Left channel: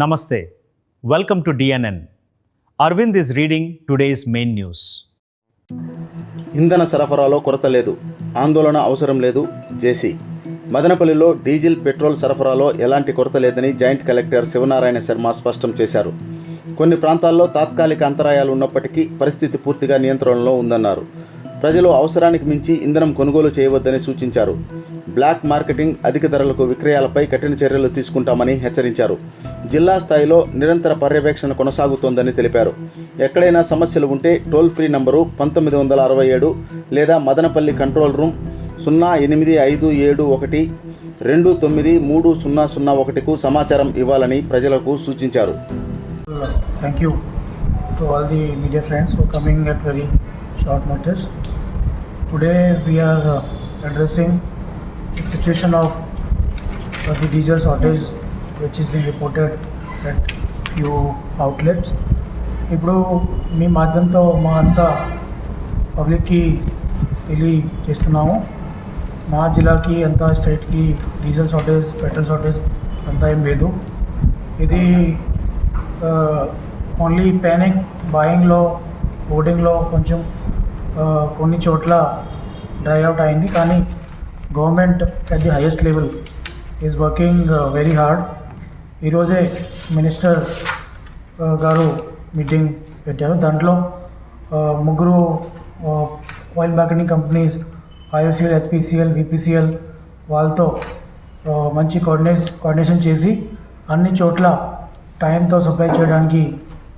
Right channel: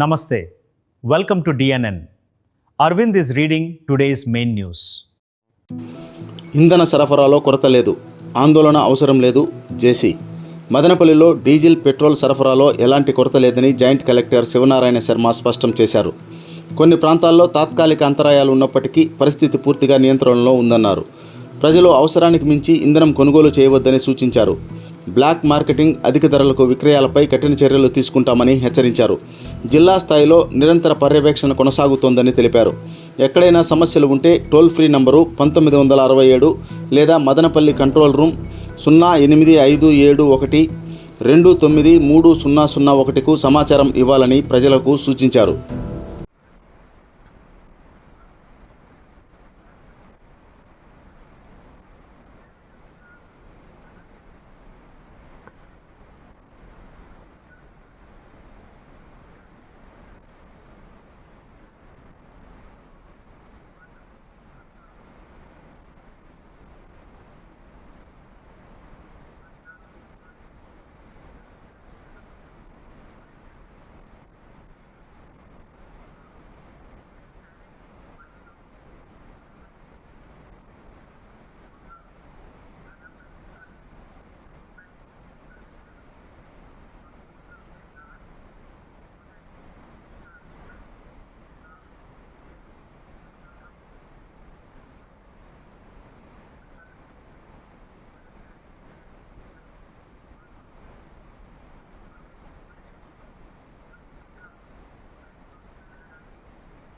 Namaste. Welcome to DNN. Arvind is reading today's main news. ఇంధన సరఫరాలో కొరత లేదు, ఆందోళన అవసరం లేదు. జేసీ మదనపల్లిలో డీజిల్ పెట్రోల్ సరఫరాలో ఎలాంటి కొరత లేదని జాయింట్ కలెక్టర్ శివనారాయణ శర్మ స్పష్టం చేశారు. కొన్ని ప్రాంతాల్లో తాత్కాలిక అంతరాయాలు ఉన్నప్పటికీ పరిస్థితి పూర్తిగా నియంత్రణలో ఉందన్నారు. ప్రజలు అవసరానికి మించి ఇంధనం కొనుగోలు చేయవద్దని సూచించారు. బ్లాక్ మార్కెటింగ్, అధిక ధరలకు విక్రయాలపై కఠిన చర్యలు తీసుకుంటామని హెచ్చరించారు. జిల్లా స్థాయిలో నిరంతర పర్యవేక్షణ కొనసాగుతోందని తెలిపారు. ఎక్కడైనా సమస్యలు ఉంటే టోల్ ఫ్రీ నంబరు 1967 లేదా మదనపల్లి కంట్రోల్ రూమ్ 08571293001కు సమాచారం ఇవ్వాలని ప్రజలకు సూచించారు. Thank you to all the media friends for coming at very short notice. Today we are addressing the situation of the diesel shortage which is being reported at few outlets. ఇప్పుడు మీ మాధ్యమంతో మా అంతా పబ్లిక్కి తెలియజేస్తున్నాము. మా జిల్లాకి అంతా స్టేట్కి డీజిల్ షార్టేజ్, పెట్రోల్ షార్టేజ్ అంతా ఏం లేదు. ఇది ఓన్లీ ప్యానిక్ బాయింగ్లో, బోర్డింగ్లో కొంచెం కొన్ని చోట్ల డ్రై అవుట్ అయింది. కానీ government at the highest level is working very hard. ఈరోజే మినిస్టర్ గారు మీటింగ్ పెట్టారు. దాంట్లో ముగ్గురు oil marketing companies IOCL, HPCL, BPCL వాళ్ళతో మంచి కోఆర్డినేషన్ చేసి అన్ని చోట్ల టైంతో సప్లై చేయడానికి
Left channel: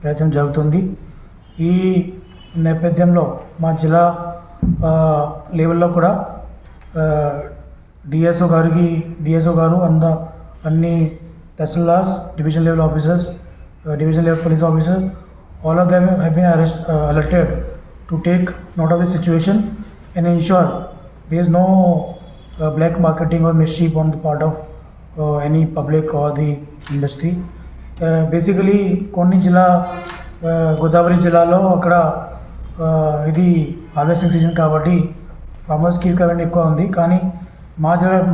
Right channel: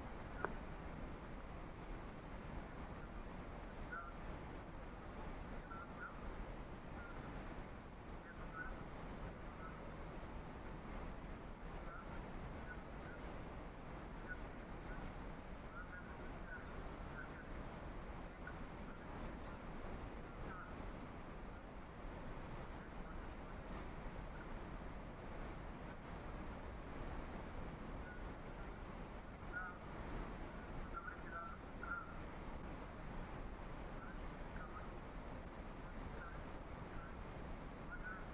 ప్రయత్నం జరుగుతుంది. ఈ నేపథ్యంలో మా జిల్లా లెవెల్లో కూడా డిఎస్ఓ గారు అన్ని tahsildars, division level officers, division level police officers, all of them have been alerted to take note of the situation and ensure there is no black marketing or mischief on the part of any public or the industry. Basically కొన్ని గోదావరి జిల్లాలో అక్కడ ఇది harvesting season కాబట్టి ఫార్మర్స్కి requirement ఎక్కువ ఉంది. కానీ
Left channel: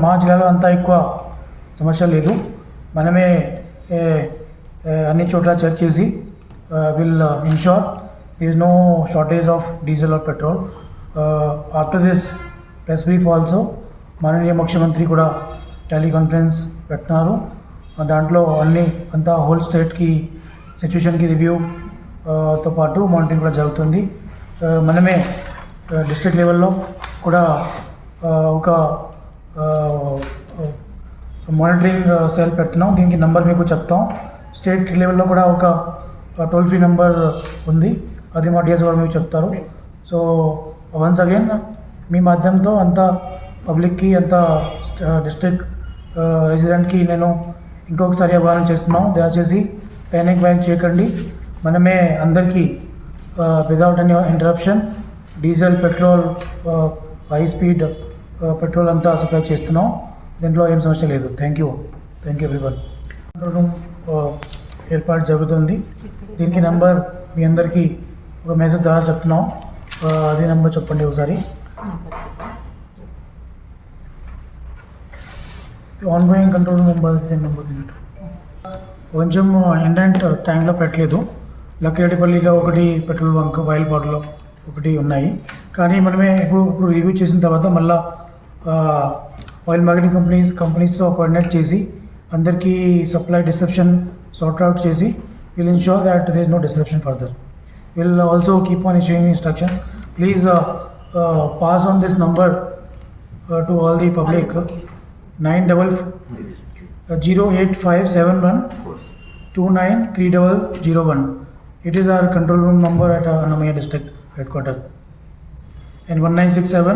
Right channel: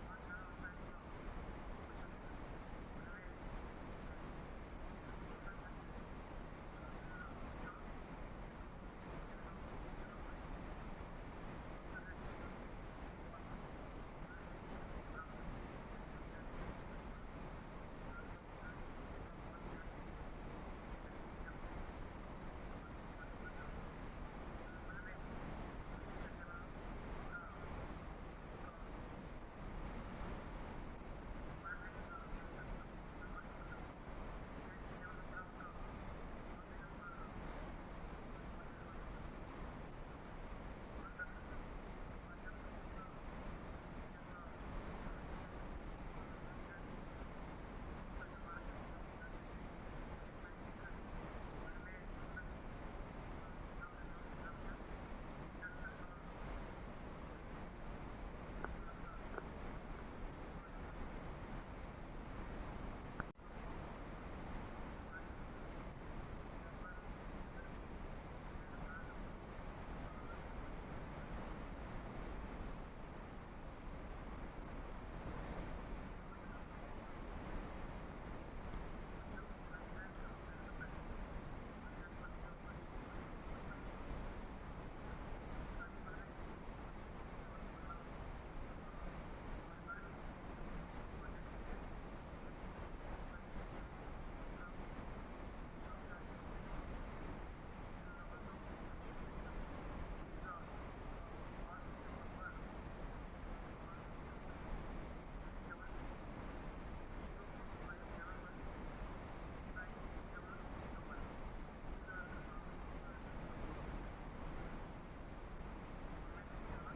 మా జిల్లాలో అంతా ఎక్కువ సమస్య లేదు. మనమే అన్ని చోట్ల చెక్ చేసి will ensure there is no shortage of diesel or petrol. After this press brief also మాననీయ ముఖ్యమంత్రి కూడా టెలికాన్ఫరెన్స్ పెట్టినారు. దాంట్లో అంతా హోల్ స్టేట్కి సిచ్యువేషన్కి రివ్యూతో పాటు మానిటరింగ్ కూడా జరుగుతుంది. మనమే డిస్ట్రిక్ట్ లెవెల్లో కూడా ఒక మానిటరింగ్ సెల్ పెడుతున్నాం. దీనికి నెంబర్ మీకు చెప్తాం. స్టేట్ లెవెల్లో కూడా ఒక టోల్ ఫ్రీ నెంబర్ ఉంది, అది మా డిఎస్ గారు మీకు చెప్తారు. సో వన్స్ అగైన్ మీ మాధ్యమంతో అంతా పబ్లిక్కి, అంతా డిస్ట్రిక్ట్ రెసిడెంట్కి నేను ఇంకొకసారి అభ్యర్థన చేస్తున్నాం. దయచేసి ప్యానిక్ బయింగ్ చేయకండి. మనమే అందరికీ without any interruption diesel, petrol, high speed petrol అంతా సప్లై చేస్తున్నాం. దీంట్లో ఏం సమస్య లేదు. Thank you everyone. రూమ్ ఏర్పాటు జరుగుతుంది. దీనికి నెంబర్ మీ అందరికీ ఒక మెసేజ్ ద్వారా చెప్తున్నాం. అది నెంబర్ చెప్పండి ఒకసారి. ఆన్గోయింగ్ కంట్రోల్ రూమ్ నెంబర్ కొంచెం ఎండెంట్ ట్యాంక్లో పెట్టలేదు. లక్కిరెడ్డిపల్లిలో ఒకటి, పెట్రోల్ బంక్ బయలుపాటులో ఒకటి ఉన్నాయి. కానీ మనమే ఇప్పుడు రివ్యూ చేసిన తర్వాత మళ్ళీ ఆయిల్ మార్కెటింగ్ కంపెనీస్తో కోఆర్డినేట్ చేసి అందరికీ సప్లై డిస్రప్షన్ సార్ట్ అవుట్ చేసి will ensure that there is no disruption further. We'll also keep on issuing instructions. Please pass on this number to all the public. 08571293001. It is our control room number at Annamaya district headquarters. And 1967